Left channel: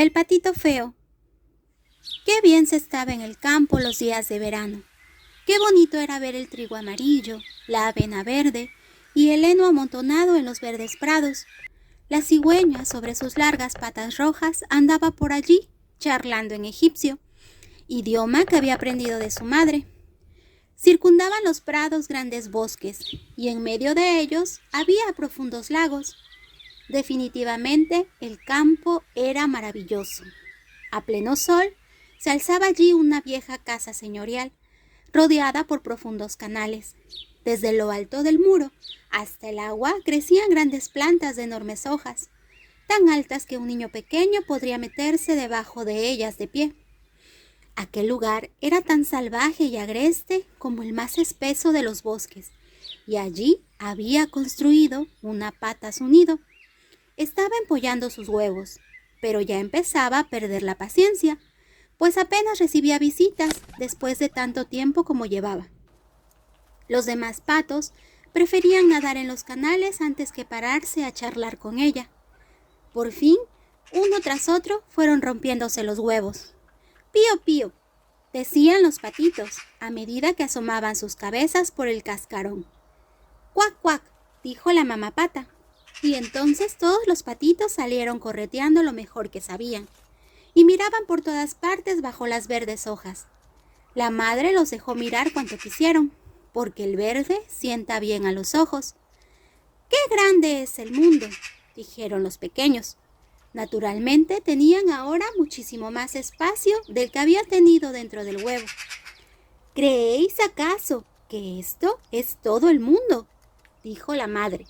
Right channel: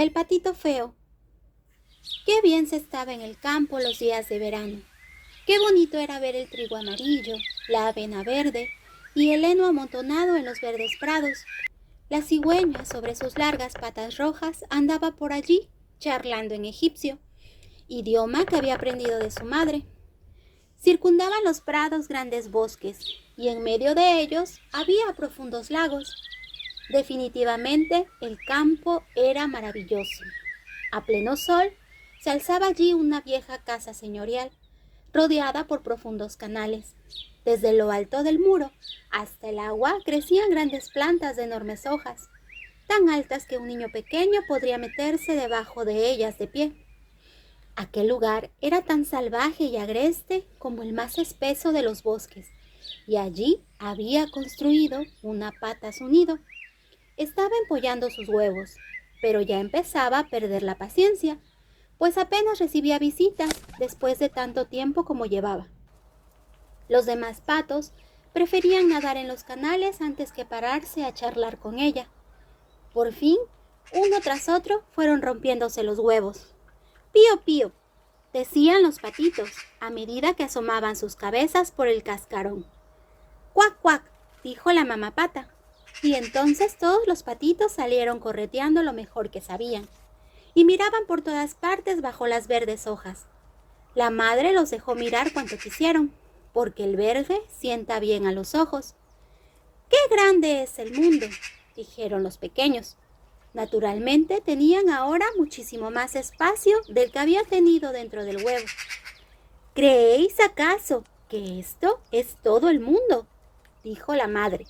El patito feo. Qué bien se estaba en el campo los días de verano. Qué bonito era ver el trigo amarillo, la avena verde y el heno amontonado en los verdes prados. La cigüeña, sobre sus largas patas rojas, andaba por allí, charlando en egipcio, idioma que había aprendido de su madre. Circundaban los prados grandes bosques, y en medio de ellos había profundos lagos. Definitivamente el campo era maravilloso. A pleno sol se alzaba allí una vieja casa señorial, rodeada por profundos canales. Desde lo alto del muro hasta el agua crecían grandes plantas de enormes hojas, tan altas que un niño pequeño podría meterse debajo de ellas de pie. Aquel lugar era tan salvaje y agreste como el más espeso de los bosques, y allí había construido una pata su nido. Estaba empollando sus huevos, pero ya empezaba a perder la paciencia, pues apenas recibía visitas después de tanto tiempo como llevaba. Los demás patos preferían nadar en los canales antes que pararse a charlar con ella. Por fin, uno tras otro fueron rompiéndose los huevos. «Pío, pío», decían los patitos a medida que asomaban sus cabezas por el cascarón. «Cuac, cuac», dijo la mamá pata. Y entonces todos los patitos salieron correteando lo mejor que sabían y miraban por todas partes bajo las verdes hojas. La madre los dejó mirar cuanto quisieron, porque el verde sienta bien a los ojos. «¡Qué grande es el mundo!», dijeron los pequeños. Naturalmente tenían ahora muchísimo más espacio del que había tenido dentro del huevo. «¿Creéis acaso que esto es todo el mundo?», dijo la madre.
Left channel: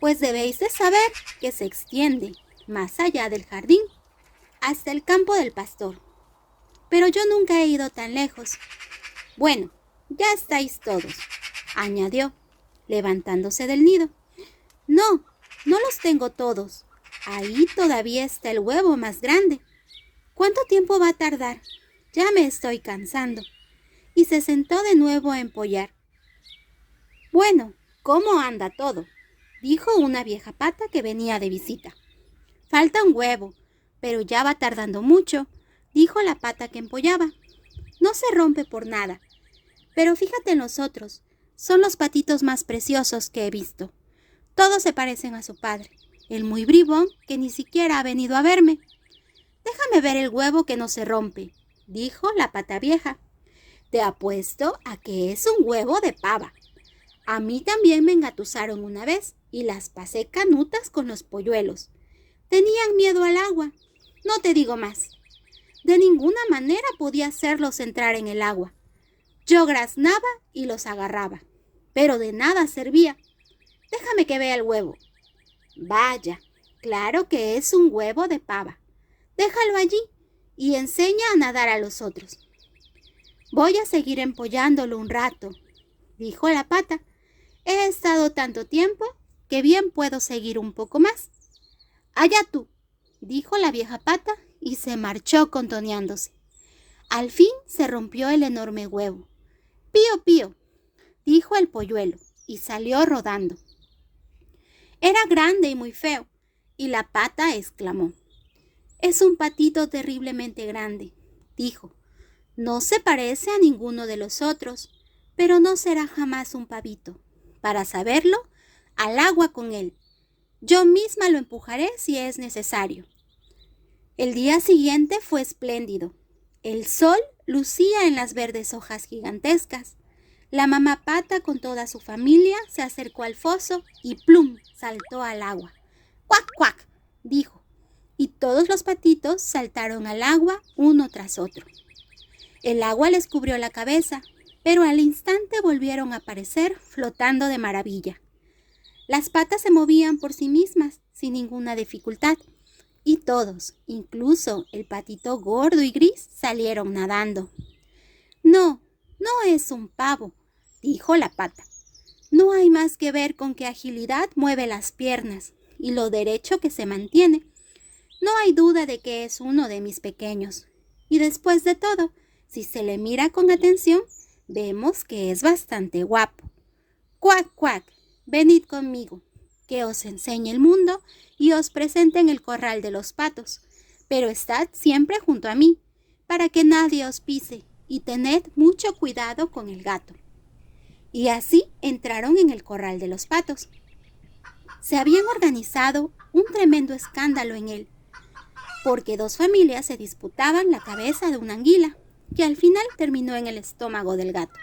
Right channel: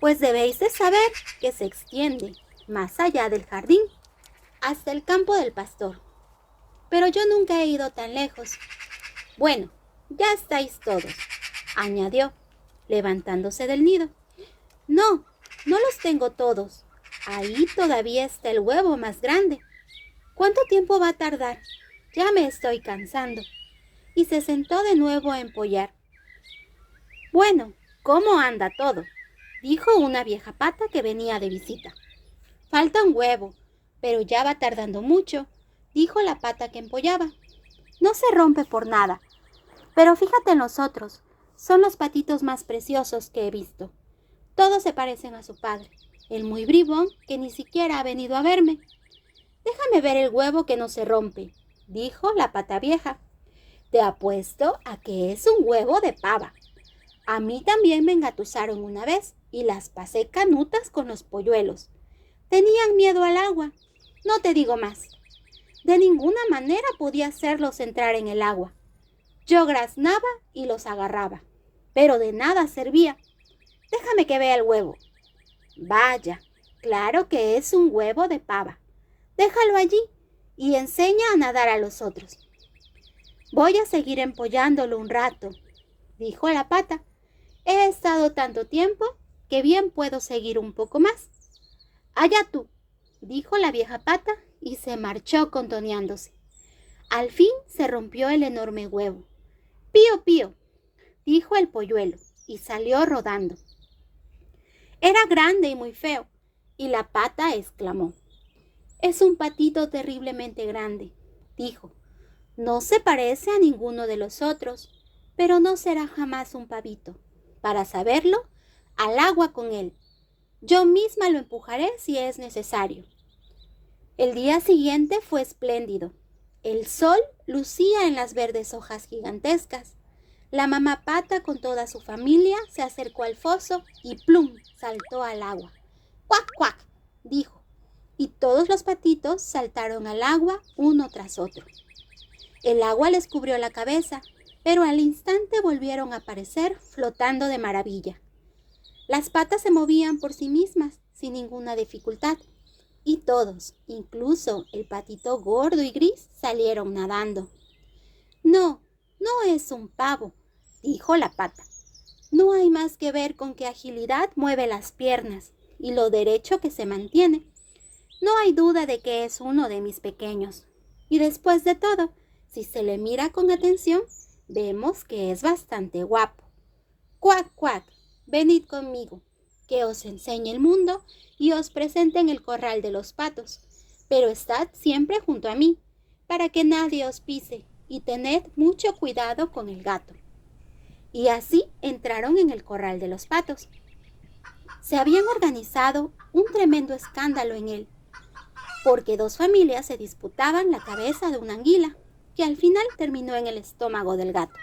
«Pues debéis de saber que se extiende más allá del jardín, hasta el campo del pastor. Pero yo nunca he ido tan lejos». «Bueno, ya estáis todos», añadió, levantándose del nido. «No, no los tengo todos. Ahí todavía está el huevo más grande. ¿Cuánto tiempo va a tardar? Ya me estoy cansando». Y se sentó de nuevo a empollar. «Bueno, ¿cómo anda todo?», dijo una vieja pata que venía de visita. «Falta un huevo, pero ya va tardando mucho», dijo la pata que empollaba. «No se rompe por nada. Pero fíjate en los otros. Son los patitos más preciosos que he visto. Todos se parecen a su padre, el muy bribón que ni siquiera ha venido a verme». «Déjame ver el huevo que no se rompe», dijo la pata vieja. «Te apuesto a que es un huevo de pava. A mí también me engatusaron una vez y las pasé canutas con los polluelos. Tenían miedo al agua. No te digo más. De ninguna manera podía hacerlos entrar en el agua. Yo graznaba y los agarraba, pero de nada servía. Déjame que vea el huevo». «Vaya, claro que es un huevo de pava. Déjalo allí y enseña a nadar a los otros». «Voy a seguir empollándolo un rato», dijo la pata. «He estado tanto tiempo que bien puedo seguir un poco más». «Allá tú», dijo la vieja pata y se marchó contoneándose. Al fin se rompió el enorme huevo. «Pío, pío», dijo el polluelo y salió rodando. Era grande y muy feo, y la pata exclamó: «Es un patito terriblemente grande», dijo. «No se parece a ninguno de los otros, pero no será jamás un pavito. Para saberlo, al agua con él. Yo misma lo empujaré si es necesario». El día siguiente fue espléndido. El sol lucía en las verdes hojas gigantescas. La mamá pata con toda su familia se acercó al foso y ¡plum!, saltó al agua. «Cuac, cuac», dijo, y todos los patitos saltaron al agua uno tras otro. El agua les cubrió la cabeza, pero al instante volvieron a aparecer flotando de maravilla. Las patas se movían por sí mismas sin ninguna dificultad, y todos, incluso el patito gordo y gris, salieron nadando. «No, no es un pavo», dijo la pata. «No hay más que ver con qué agilidad mueve las piernas y lo derecho que se mantiene. No hay duda de que es uno de mis pequeños. Y después de todo, si se le mira con atención, vemos que es bastante guapo. Cuac, cuac, venid conmigo, que os enseñe el mundo y os presente en el corral de los patos. pero estad siempre junto a mí, para que nadie os pise, y tened mucho cuidado con el gato. Y así entraron en el corral de los patos. Se habían organizado un tremendo escándalo en él, porque dos familias se disputaban la cabeza de una anguila, que al final terminó en el estómago del gato.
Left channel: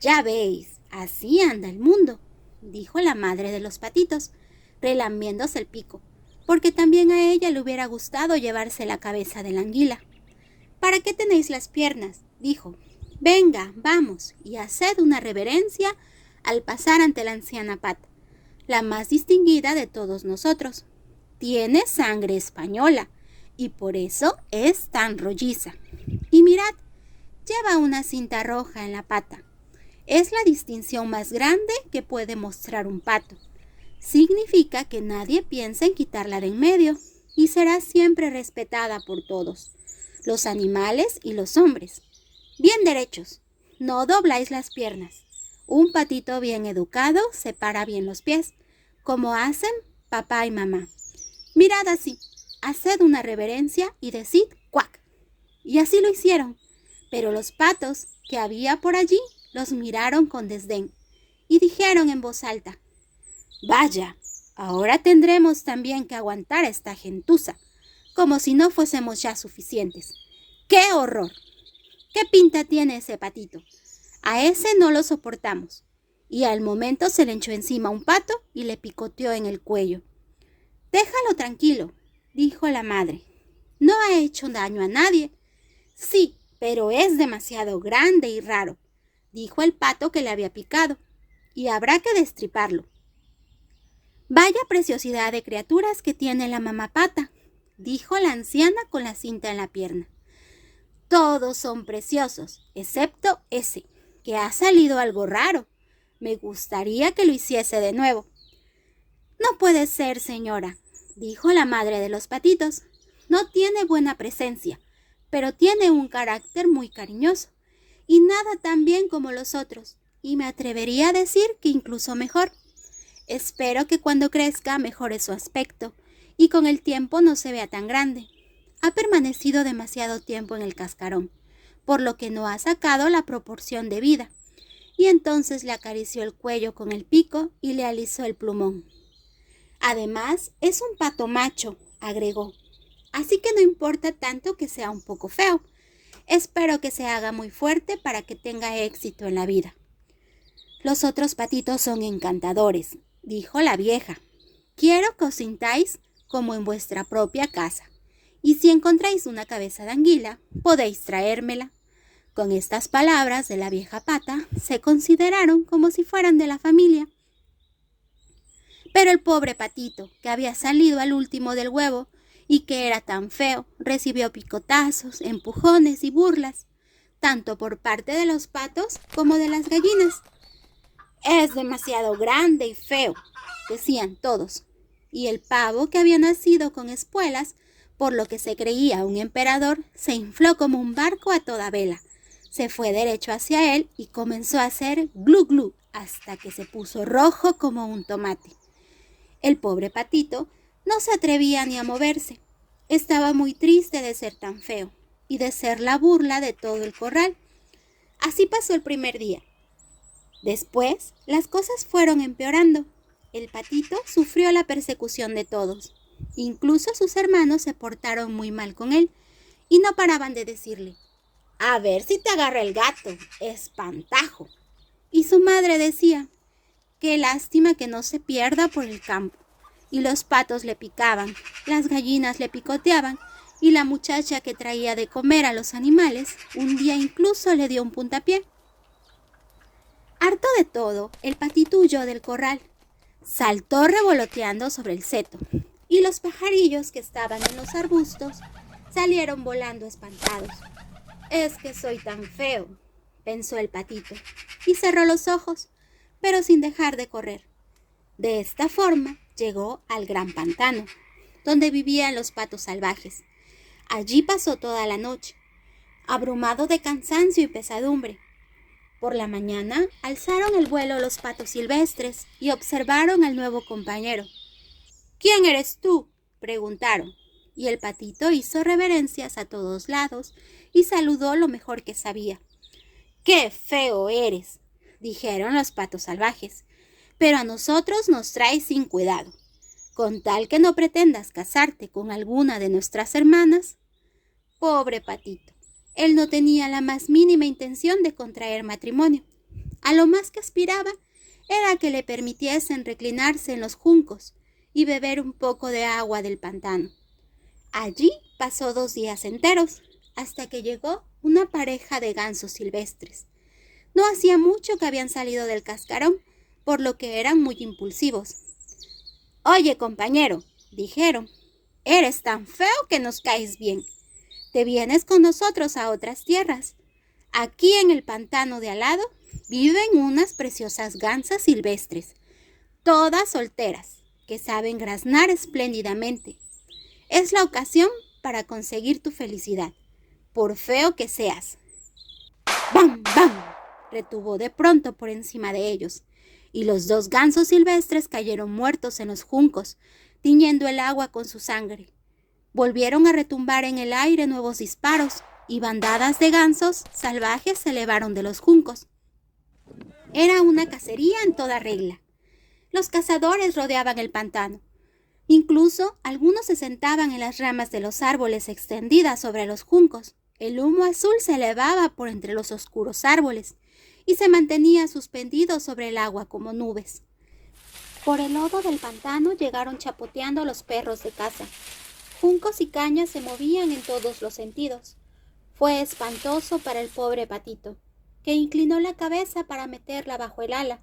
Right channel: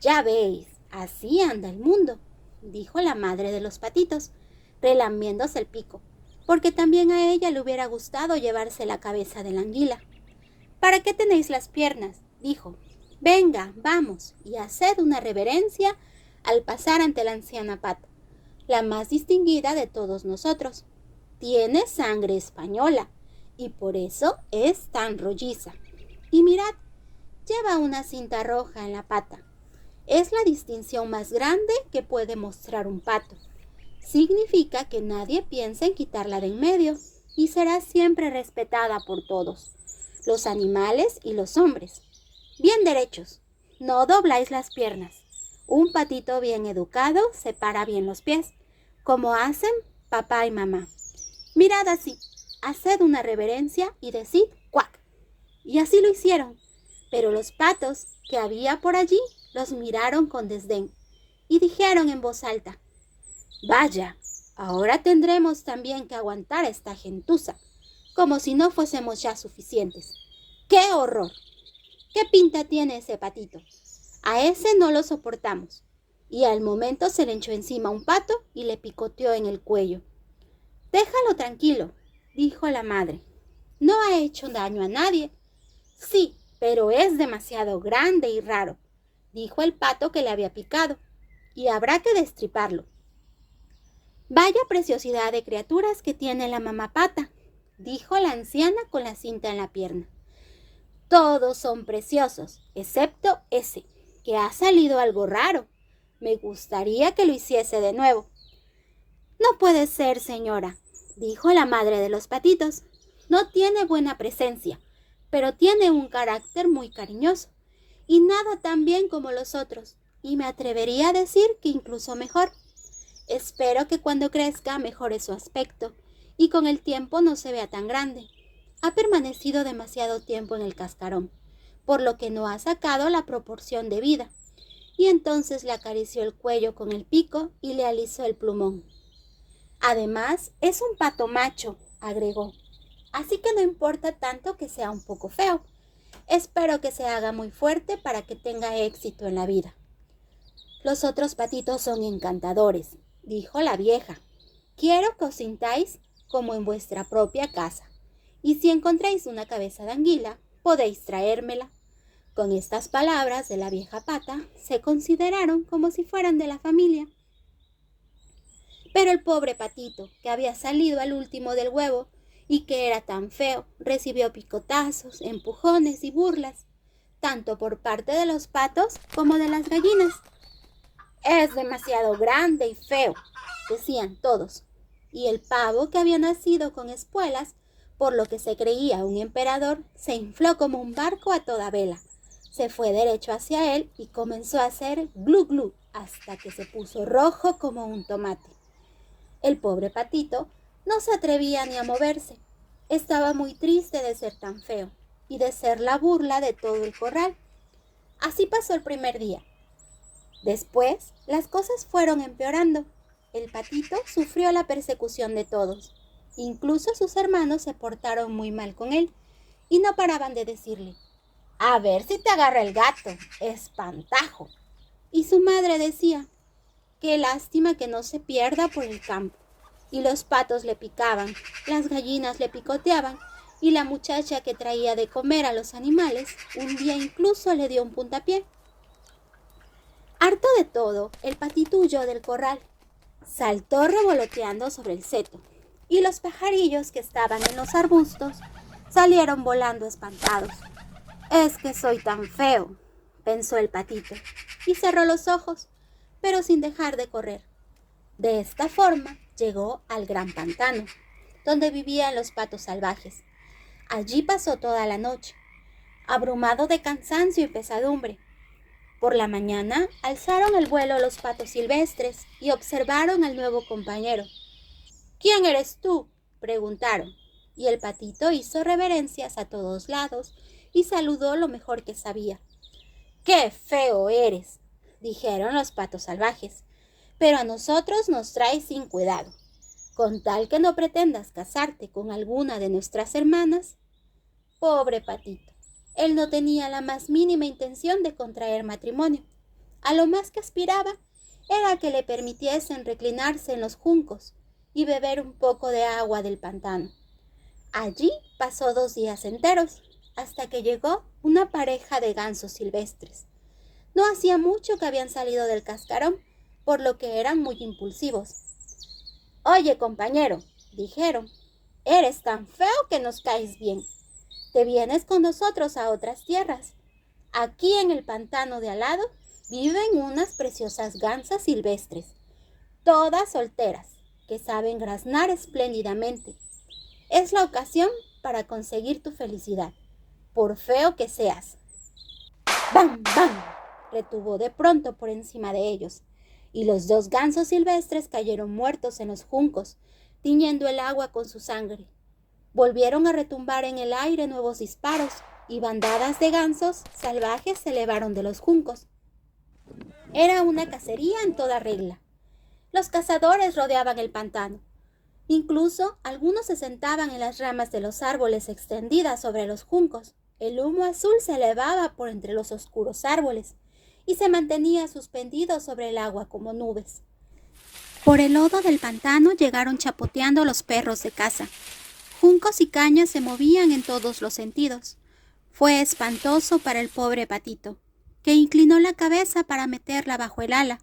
Ya veis, así anda el mundo, dijo la madre de los patitos, relambiéndose el pico, porque también a ella le hubiera gustado llevarse la cabeza de la anguila. ¿Para qué tenéis las piernas?, dijo. Venga, vamos, y haced una reverencia al pasar ante la anciana Pata, la más distinguida de todos nosotros. Tiene sangre española, y por eso es tan rolliza. Y mirad, lleva una cinta roja en la pata. Es la distinción más grande que puede mostrar un pato. Significa que nadie piensa en quitarla de en medio y será siempre respetada por todos, los animales y los hombres. Bien derechos, no dobláis las piernas. Un patito bien educado separa bien los pies, como hacen papá y mamá. Mirad así, haced una reverencia y decid cuac. Y así lo hicieron, pero los patos que había por allí los miraron con desdén y dijeron en voz alta: vaya, ahora tendremos también que aguantar a esta gentuza, como si no fuésemos ya suficientes. ¡Qué horror! ¿Qué pinta tiene ese patito? A ese no lo soportamos. Y al momento se le echó encima un pato y le picoteó en el cuello. Déjalo tranquilo, dijo la madre. No ha hecho daño a nadie. Sí, pero es demasiado grande y raro, dijo el pato que le había picado, y habrá que destriparlo. Vaya preciosidad de criaturas que tiene la mamá pata, dijo la anciana con la cinta en la pierna. Todos son preciosos, excepto ese, que ha salido algo raro. Me gustaría que lo hiciese de nuevo. No puede ser, señora, dijo la madre de los patitos. No tiene buena presencia, pero tiene un carácter muy cariñoso, y nada tan bien como los otros, y me atrevería a decir que incluso mejor. Espero que cuando crezca mejore su aspecto, y con el tiempo no se vea tan grande. Ha permanecido demasiado tiempo en el cascarón, por lo que no ha sacado la proporción debida. Y entonces le acarició el cuello con el pico y le alisó el plumón. Además, es un pato macho, agregó, así que no importa tanto que sea un poco feo. Espero que se haga muy fuerte para que tenga éxito en la vida. Los otros patitos son encantadores, dijo la vieja. Quiero que os sintáis como en vuestra propia casa. Y si encontráis una cabeza de anguila, podéis traérmela. Con estas palabras de la vieja pata, se consideraron como si fueran de la familia. Pero el pobre patito, que había salido al último del huevo y que era tan feo, recibió picotazos, empujones y burlas, tanto por parte de los patos como de las gallinas. Es demasiado grande y feo, decían todos. Y el pavo, que había nacido con espuelas, por lo que se creía un emperador, se infló como un barco a toda vela. Se fue derecho hacia él y comenzó a hacer glu glu hasta que se puso rojo como un tomate. El pobre patito no se atrevía ni a moverse. Estaba muy triste de ser tan feo y de ser la burla de todo el corral. Así pasó el primer día. Después, las cosas fueron empeorando. El patito sufrió la persecución de todos. Incluso sus hermanos se portaron muy mal con él y no paraban de decirle: a ver si te agarra el gato, espantajo. Y su madre decía: qué lástima que no se pierda por el campo. Y los patos le picaban, las gallinas le picoteaban, y la muchacha que traía de comer a los animales un día incluso le dio un puntapié. Harto de todo, el patito huyó del corral. Saltó revoloteando sobre el seto, y los pajarillos que estaban en los arbustos salieron volando espantados. Es que soy tan feo, pensó el patito, y cerró los ojos, pero sin dejar de correr. De esta forma llegó al gran pantano, donde vivían los patos salvajes. Allí pasó toda la noche, abrumado de cansancio y pesadumbre. Por la mañana alzaron el vuelo los patos silvestres y observaron al nuevo compañero. ¿Quién eres tú?, preguntaron. y el patito hizo reverencias a todos lados y saludó lo mejor que sabía. ¡Qué feo eres!, dijeron los patos salvajes, pero a nosotros nos traes sin cuidado. Con tal que no pretendas casarte con alguna de nuestras hermanas. Pobre patito, él no tenía la más mínima intención de contraer matrimonio. A lo más que aspiraba era que le permitiesen reclinarse en los juncos y beber un poco de agua del pantano. Allí pasó 2 días enteros, hasta que llegó una pareja de gansos silvestres. No hacía mucho que habían salido del cascarón, por lo que eran muy impulsivos. «Oye, compañero», dijeron, «eres tan feo que nos caes bien. Te vienes con nosotros a otras tierras. Aquí en el pantano de al lado viven unas preciosas gansas silvestres, todas solteras, que saben graznar espléndidamente. Es la ocasión para conseguir tu felicidad, por feo que seas». ¡Bam, bam!, retumbó de pronto por encima de ellos, y los 2 gansos silvestres cayeron muertos en los juncos, tiñendo el agua con su sangre. Volvieron a retumbar en el aire nuevos disparos, y bandadas de gansos salvajes se elevaron de los juncos. Era una cacería en toda regla. Los cazadores rodeaban el pantano. Incluso algunos se sentaban en las ramas de los árboles extendidas sobre los juncos. El humo azul se elevaba por entre los oscuros árboles y se mantenía suspendido sobre el agua como nubes. Por el lodo del pantano llegaron chapoteando los perros de caza. Juncos y cañas se movían en todos los sentidos. Fue espantoso para el pobre patito, que inclinó la cabeza para meterla bajo el ala.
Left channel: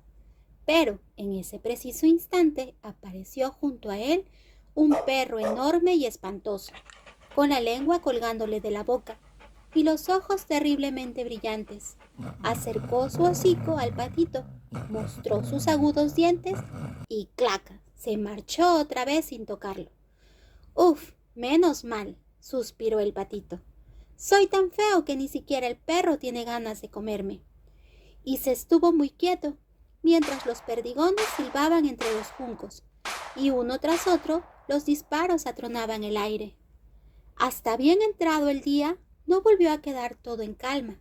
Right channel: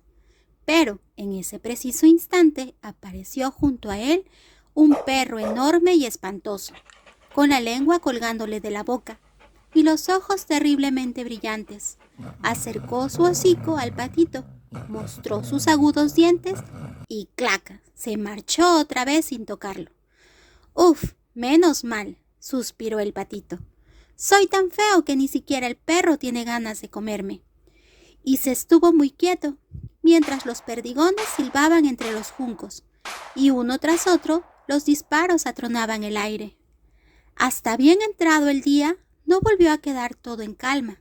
Pero en ese preciso instante apareció junto a él un perro enorme y espantoso, con la lengua colgándole de la boca y los ojos terriblemente brillantes. Acercó su hocico al patito, mostró sus agudos dientes y ¡clac!, se marchó otra vez sin tocarlo. «Uf, menos mal», suspiró el patito. «Soy tan feo que ni siquiera el perro tiene ganas de comerme». Y se estuvo muy quieto, mientras los perdigones silbaban entre los juncos, y uno tras otro los disparos atronaban el aire. Hasta bien entrado el día, no volvió a quedar todo en calma,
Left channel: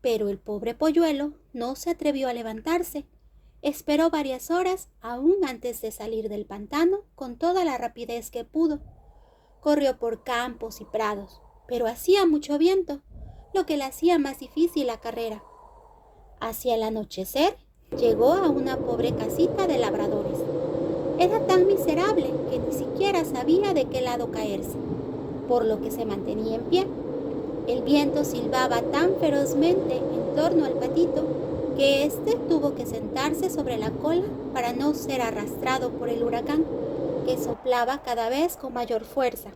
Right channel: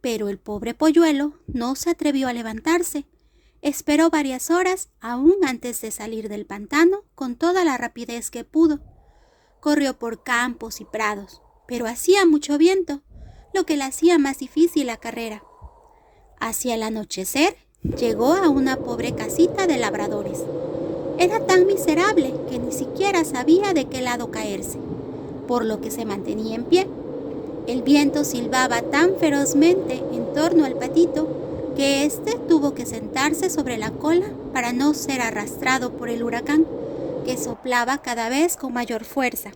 pero el pobre polluelo no se atrevió a levantarse. Esperó varias horas aún antes de salir del pantano con toda la rapidez que pudo. Corrió por campos y prados, pero hacía mucho viento, lo que le hacía más difícil la carrera. Hacia el anochecer, llegó a una pobre casita de labradores. Era tan miserable que ni siquiera sabía de qué lado caerse, por lo que se mantenía en pie. El viento silbaba tan ferozmente en torno al patito que éste tuvo que sentarse sobre la cola para no ser arrastrado por el huracán, que soplaba cada vez con mayor fuerza.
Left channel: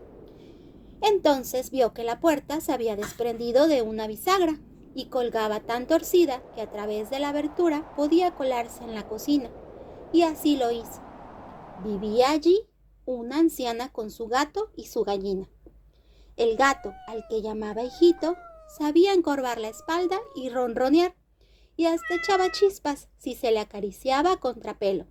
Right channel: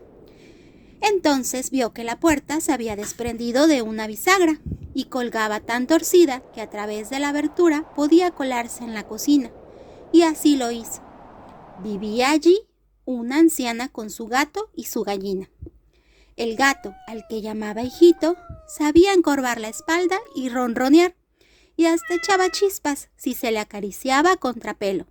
Entonces vio que la puerta se había desprendido de una bisagra y colgaba tan torcida que a través de la abertura podía colarse en la cocina, y así lo hizo. Vivía allí una anciana con su gato y su gallina. El gato, al que llamaba hijito, sabía encorvar la espalda y ronronear, y hasta echaba chispas si se le acariciaba a contrapelo.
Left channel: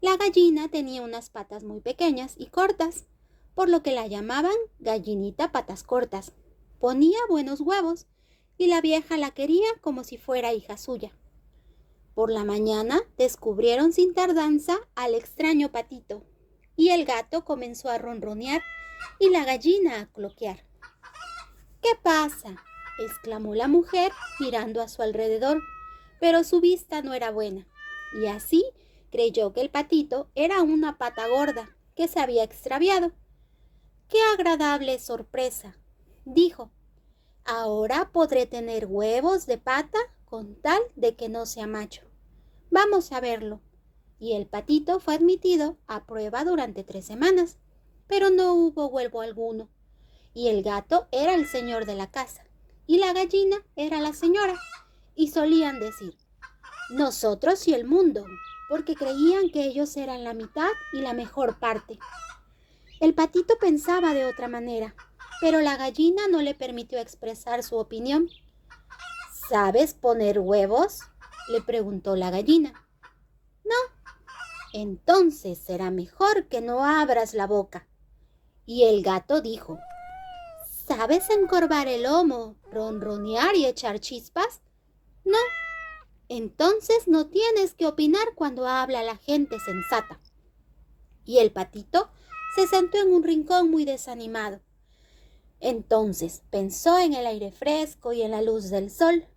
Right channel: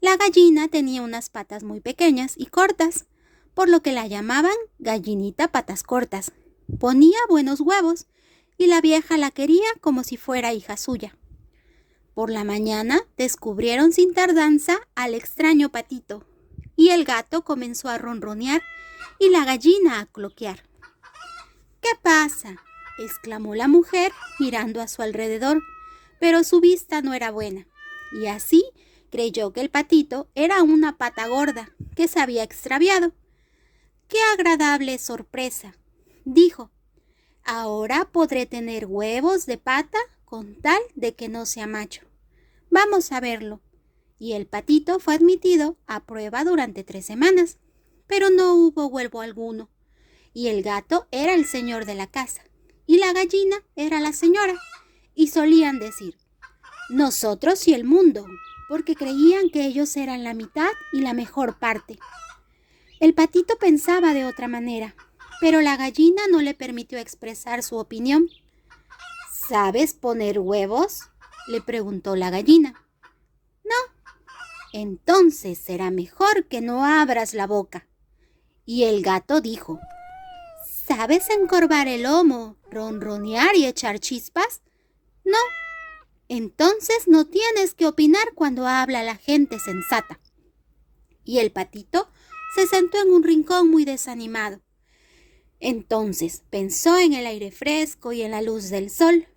La gallina tenía unas patas muy pequeñas y cortas, por lo que la llamaban gallinita patas cortas. Ponía buenos huevos, y la vieja la quería como si fuera hija suya. Por la mañana descubrieron sin tardanza al extraño patito, y el gato comenzó a ronronear y la gallina a cloquear. «¿Qué pasa?», exclamó la mujer mirando a su alrededor, pero su vista no era buena, y así creyó que el patito era una pata gorda que se había extraviado. «¡Qué agradable sorpresa!», dijo. «Ahora podré tener huevos de pata con tal de que no sea macho. Vamos a verlo». Y el patito fue admitido a prueba durante 3 semanas, pero no hubo huevo alguno. Y el gato era el señor de la casa, y la gallina era la señora, y solían decir: «nosotros y el mundo», porque creían que ellos eran la mitad y la mejor parte. El patito pensaba de otra manera, pero la gallina no le permitió expresar su opinión. «¿Sabes poner huevos?», le preguntó la gallina. «No». «Entonces será mejor que no abras la boca». Y el gato dijo: ¿sabes encorvar el lomo, ronronear y echar chispas? No. Entonces no tienes que opinar cuando habla la gente sensata. Y el patito se sentó en un rincón muy desanimado. Entonces pensó en el aire fresco y en la luz del sol.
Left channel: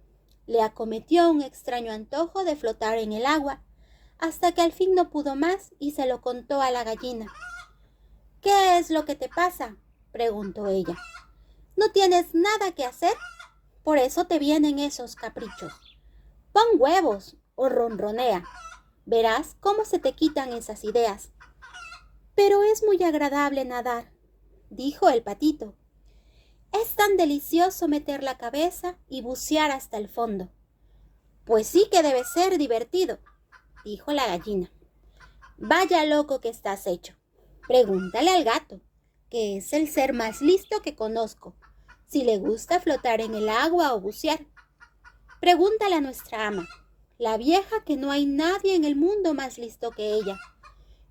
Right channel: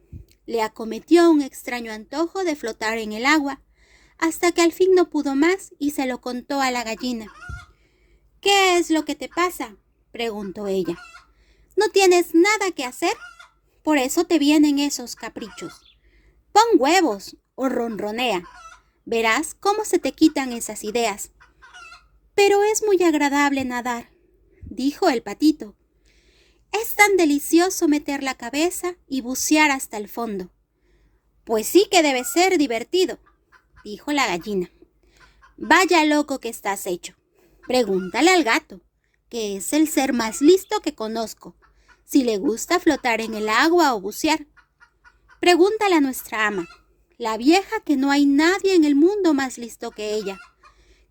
Le acometió un extraño antojo de flotar en el agua, hasta que al fin no pudo más y se lo contó a la gallina. ¿Qué es lo que te pasa?, preguntó ella. ¿No tienes nada que hacer? Por eso te vienen esos caprichos. Pon huevos o ronronea. Verás cómo se te quitan esas ideas. Pero es muy agradable nadar, dijo el patito. Es tan delicioso meter la cabeza y bucear hasta el fondo. Pues sí que debe ser divertido, dijo la gallina. Vaya loco que estás hecho. Pregúntale al gato, que es el ser más listo que conozco, si le gusta flotar en el agua o bucear. Pregúntale a nuestra ama, la vieja, que no hay nadie en el mundo más listo que ella.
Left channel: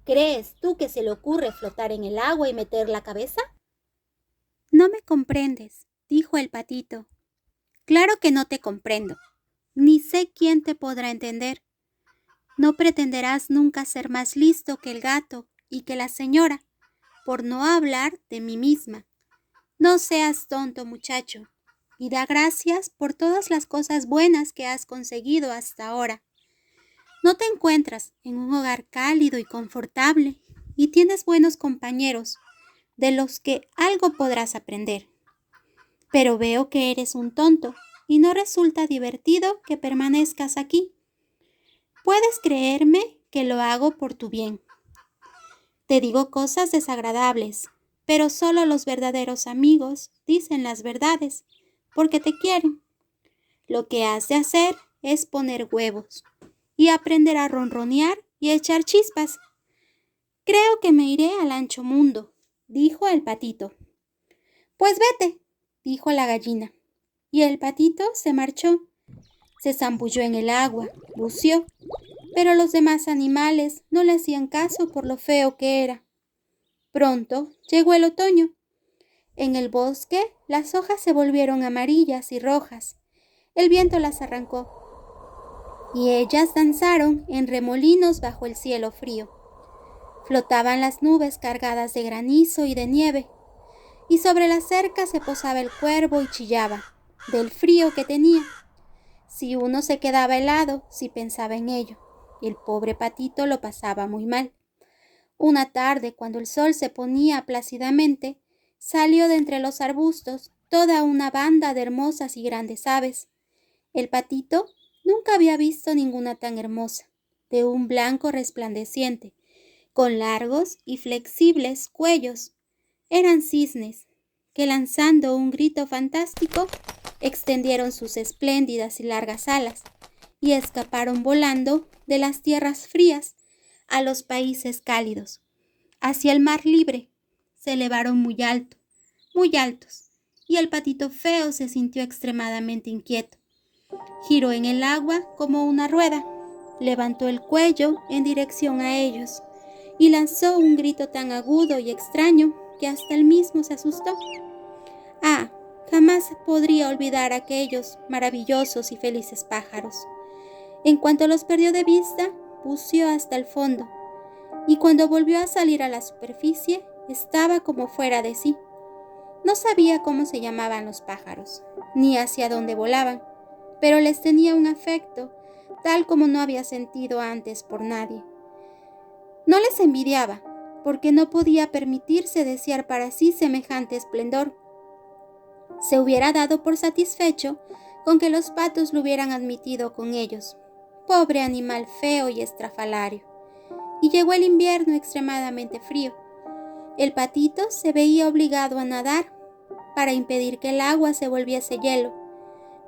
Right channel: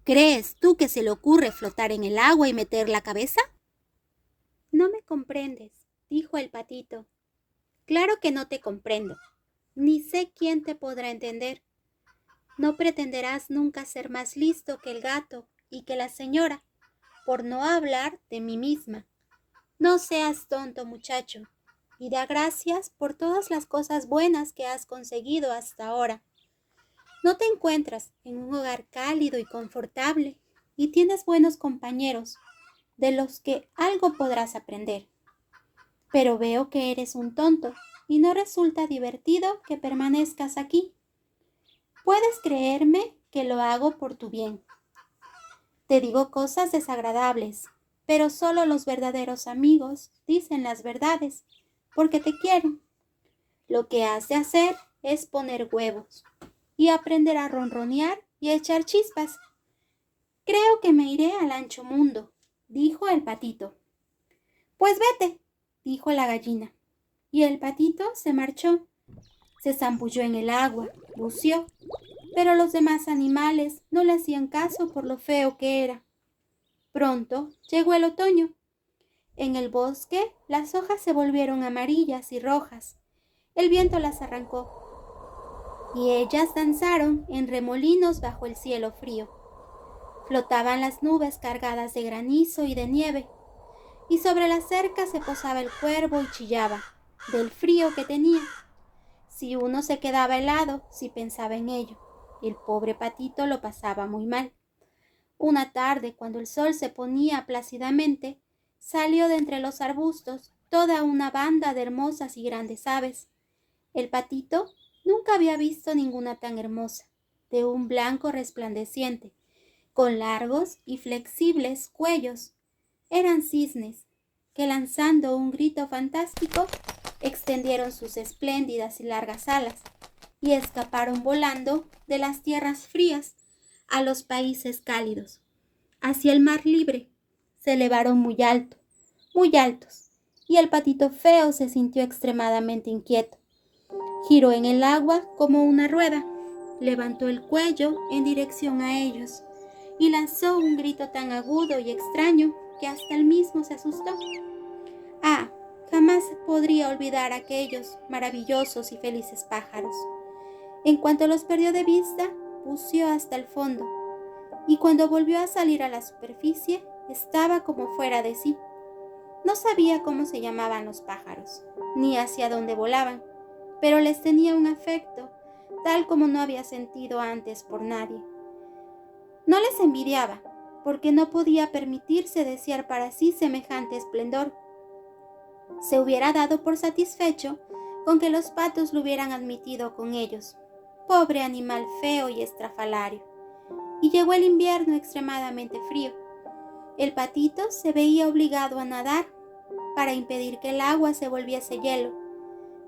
¿Crees tú que se le ocurre flotar en el agua y meter la cabeza? No me comprendes, dijo el patito. Claro que no te comprendo, ni sé quién te podrá entender. No pretenderás nunca ser más listo que el gato y que la señora, por no hablar de mí misma. No seas tonto, muchacho, y da gracias por todas las cosas buenas que has conseguido hasta ahora. No te encuentras en un hogar cálido y confortable y tienes buenos compañeros, de los que algo podrás aprender. Pero veo que eres un tonto y no resulta divertido que permanezcas aquí. Puedes creerme que lo hago por tu bien. Te digo cosas desagradables, pero solo los verdaderos amigos dicen las verdades, porque te quieren. Lo que has de hacer es poner huevos y aprender a ronronear y echar chispas. Creo que me iré al ancho mundo, dijo el patito. Pues vete, dijo la gallina. Y el patito se marchó. Se zambulló en el agua, buceó, pero los demás animales no le hacían caso por lo feo que era. Pronto llegó el otoño. En el bosque las hojas se volvieron amarillas y rojas. El viento las arrancó y ellas danzaron en remolinos bajo el cielo frío. Flotaban las nubes cargadas de granizo y de nieve, y sobre la cerca se posaba el cuervo y chillaba, del frío que tenía. Si uno se quedaba helado, si pensaba en ello, el pobre patito lo pasaba muy mal. Una tarde, cuando el sol se ponía plácidamente, salió de entre los arbustos toda una banda de hermosas y grandes aves. El patito nunca había visto ninguna tan hermosa, de un blanco resplandeciente, con largos y flexibles cuellos. Eran cisnes, que lanzando un grito fantástico, extendieron sus espléndidas y largas alas y escaparon volando de las tierras frías a los países cálidos, hacia el mar libre. Se elevaron muy altos, y el patito feo se sintió extremadamente inquieto. Giró en el agua como una rueda, levantó el cuello en dirección a ellos y lanzó un grito tan agudo y extraño que hasta él mismo se asustó. Ah, jamás podría olvidar a aquellos maravillosos y felices pájaros. En cuanto los perdió de vista, buceó hasta el fondo, y cuando volvió a salir a la superficie, estaba como fuera de sí. No sabía cómo se llamaban los pájaros, ni hacia dónde volaban, pero les tenía un afecto, tal como no había sentido antes por nadie. No les envidiaba, porque no podía permitirse desear para sí semejante esplendor. Se hubiera dado por satisfecho con que los patos lo hubieran admitido con ellos. Pobre animal feo y estrafalario. Y llegó el invierno extremadamente frío. El patito se veía obligado a nadar para impedir que el agua se volviese hielo,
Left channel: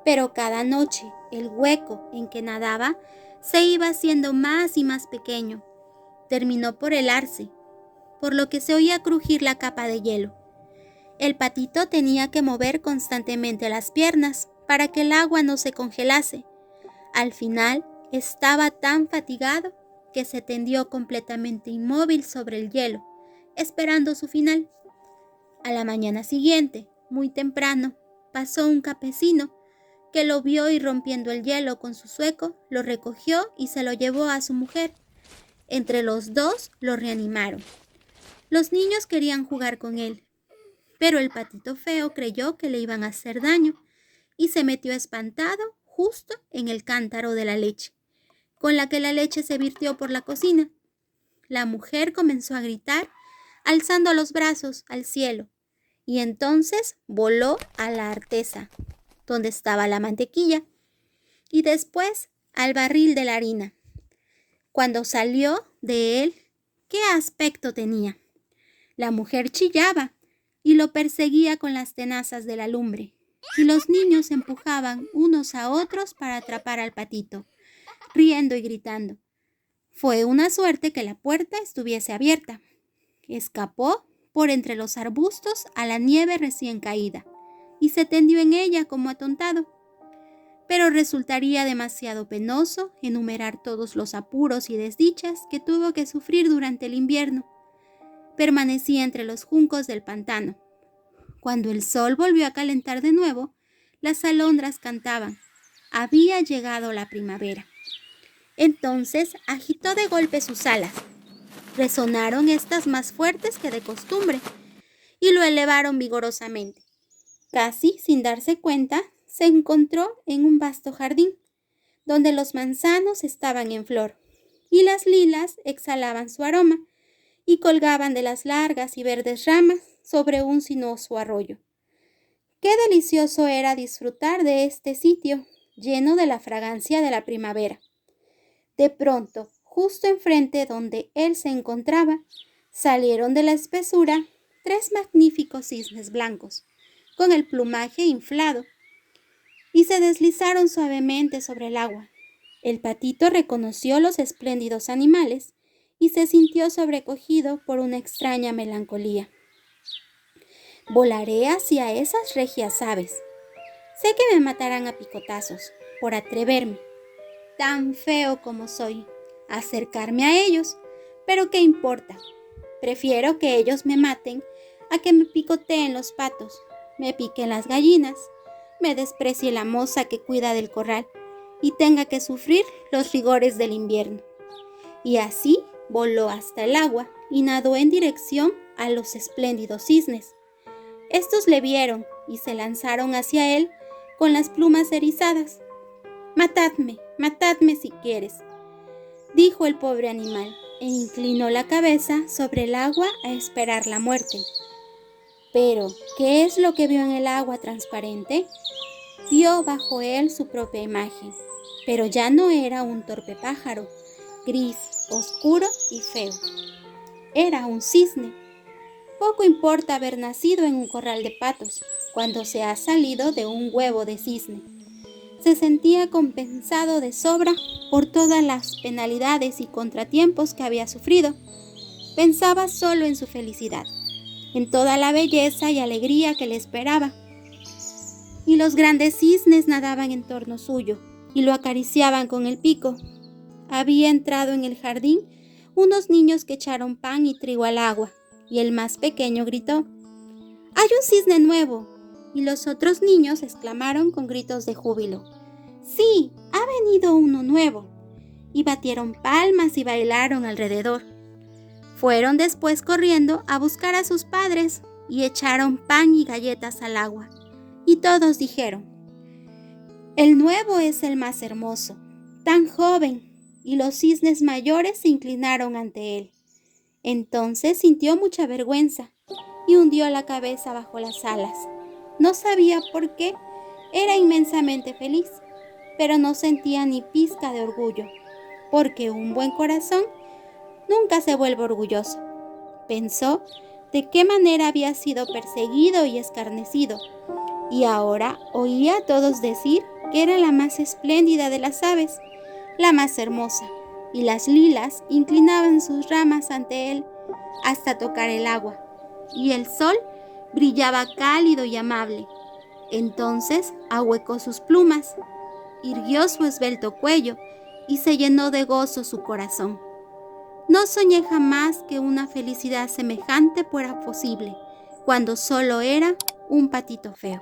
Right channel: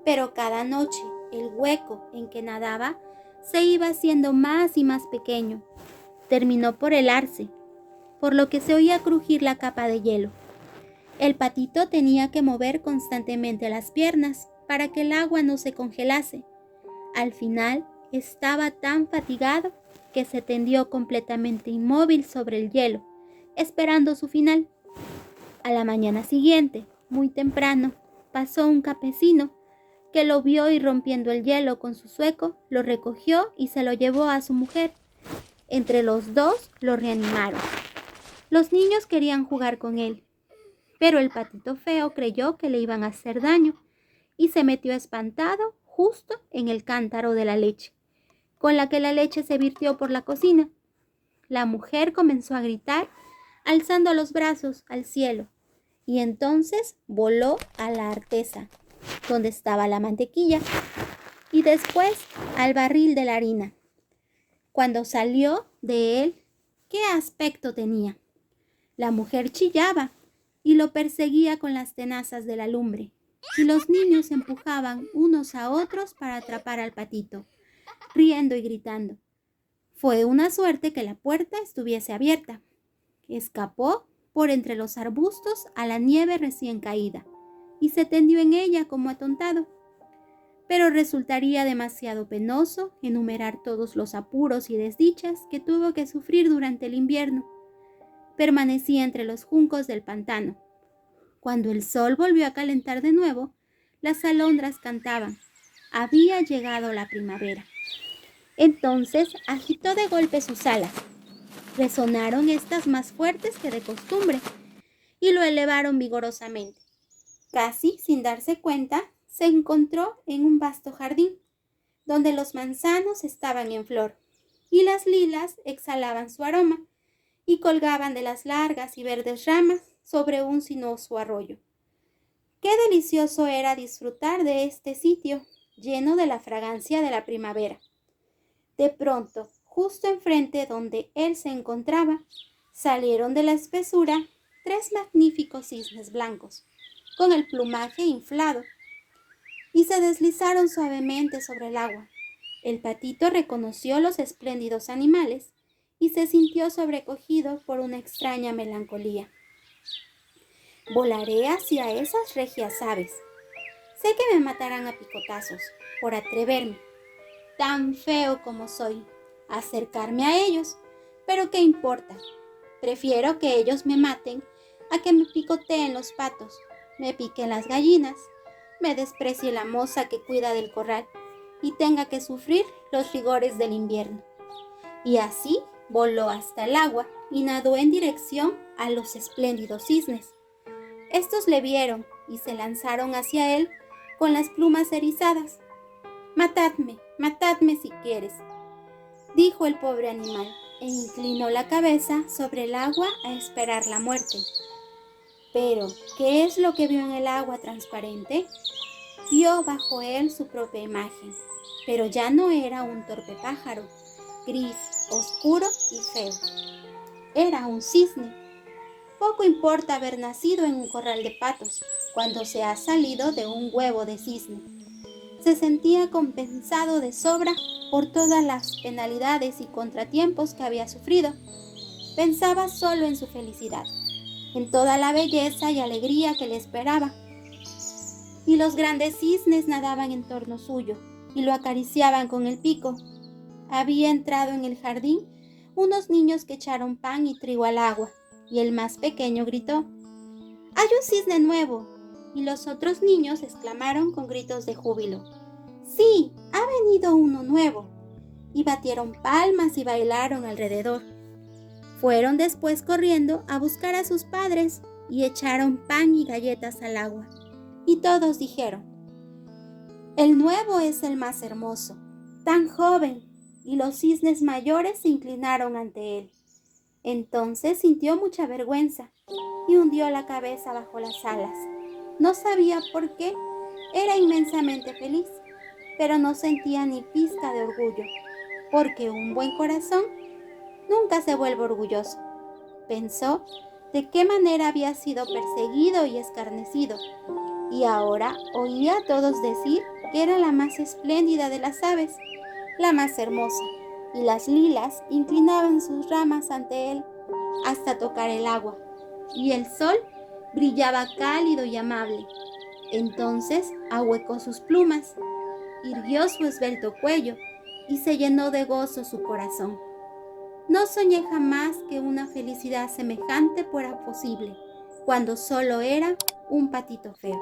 pero cada noche el hueco en que nadaba se iba haciendo más y más pequeño. Terminó por helarse, por lo que se oía crujir la capa de hielo. El patito tenía que mover constantemente las piernas para que el agua no se congelase. Al final estaba tan fatigado que se tendió completamente inmóvil sobre el hielo, esperando su final. A la mañana siguiente, muy temprano, pasó un campesino que lo vio y rompiendo el hielo con su zueco, lo recogió y se lo llevó a su mujer. Entre los dos lo reanimaron. Los niños querían jugar con él, pero el patito feo creyó que le iban a hacer daño y se metió espantado justo en el cántaro de la leche, con la que la leche se virtió por la cocina. La mujer comenzó a gritar, alzando los brazos al cielo, y entonces voló a la artesa, donde estaba la mantequilla, y después al barril de la harina. Cuando salió de él, ¿qué aspecto tenía? La mujer chillaba y lo perseguía con las tenazas de la lumbre, y los niños empujaban unos a otros para atrapar al patito, riendo y gritando. Fue una suerte que la puerta estuviese abierta. Escapó por entre los arbustos a la nieve recién caída y se tendió en ella como atontado. Pero resultaría demasiado penoso enumerar todos los apuros y desdichas que tuvo que sufrir durante el invierno. Permanecía entre los juncos del pantano. Cuando el sol volvió a calentar de nuevo, las alondras cantaban. Había llegado la primavera. Entonces agitó de golpe sus alas. Resonaron estas más fuertes que de costumbre y lo elevaron vigorosamente. Casi sin darse cuenta, se encontró en un vasto jardín, donde los manzanos estaban en flor y las lilas exhalaban su aroma y colgaban de las largas y verdes ramas sobre un sinuoso arroyo. Qué delicioso era disfrutar de este sitio, lleno de la fragancia de la primavera. De pronto, justo enfrente donde él se encontraba, salieron de la espesura 3 magníficos cisnes blancos, con el plumaje inflado, y se deslizaron suavemente sobre el agua. El patito reconoció los espléndidos animales y se sintió sobrecogido por una extraña melancolía. Volaré hacia esas regias aves. Sé que me matarán a picotazos por atreverme, tan feo como soy, a acercarme a ellos, pero ¿qué importa? Prefiero que ellos me maten a que me picoteen los patos, me piquen las gallinas, me desprecie la moza que cuida del corral y tenga que sufrir los rigores del invierno. Y así voló hasta el agua y nadó en dirección a los espléndidos cisnes. Estos le vieron y se lanzaron hacia él con las plumas erizadas. Matadme si quieres, dijo el pobre animal, e inclinó la cabeza sobre el agua a esperar la muerte. Pero, ¿qué es lo que vio en el agua transparente? Vio bajo él su propia imagen, pero ya no era un torpe pájaro, gris, oscuro y feo. Era un cisne. Poco importa haber nacido en un corral de patos, cuando se ha salido de un huevo de cisne. Se sentía compensado de sobra por todas las penalidades y contratiempos que había sufrido. Pensaba solo en su felicidad, en toda la belleza y alegría que le esperaba. Y los grandes cisnes nadaban en torno suyo y lo acariciaban con el pico. Había entrado en el jardín unos niños que echaron pan y trigo al agua, y el más pequeño gritó: «¡Hay un cisne nuevo!» Y los otros niños exclamaron con gritos de júbilo: «¡Sí, ha venido uno nuevo!» Y batieron palmas y bailaron alrededor. Fueron después corriendo a buscar a sus padres y echaron pan y galletas al agua. Y todos dijeron: «El nuevo es el más hermoso, tan joven», y los cisnes mayores se inclinaron ante él. Entonces sintió mucha vergüenza y hundió la cabeza bajo las alas. No sabía por qué, era inmensamente feliz, pero no sentía ni pizca de orgullo, porque un buen corazón nunca se vuelve orgulloso. Pensó de qué manera había sido perseguido y escarnecido, y ahora oía a todos decir que era la más espléndida de las aves, la más hermosa, y las lilas inclinaban sus ramas ante él hasta tocar el agua, y el sol brillaba cálido y amable. Entonces ahuecó sus plumas, irguió su esbelto cuello y se llenó de gozo su corazón. No soñé jamás que una felicidad semejante fuera posible, cuando solo era un patito feo.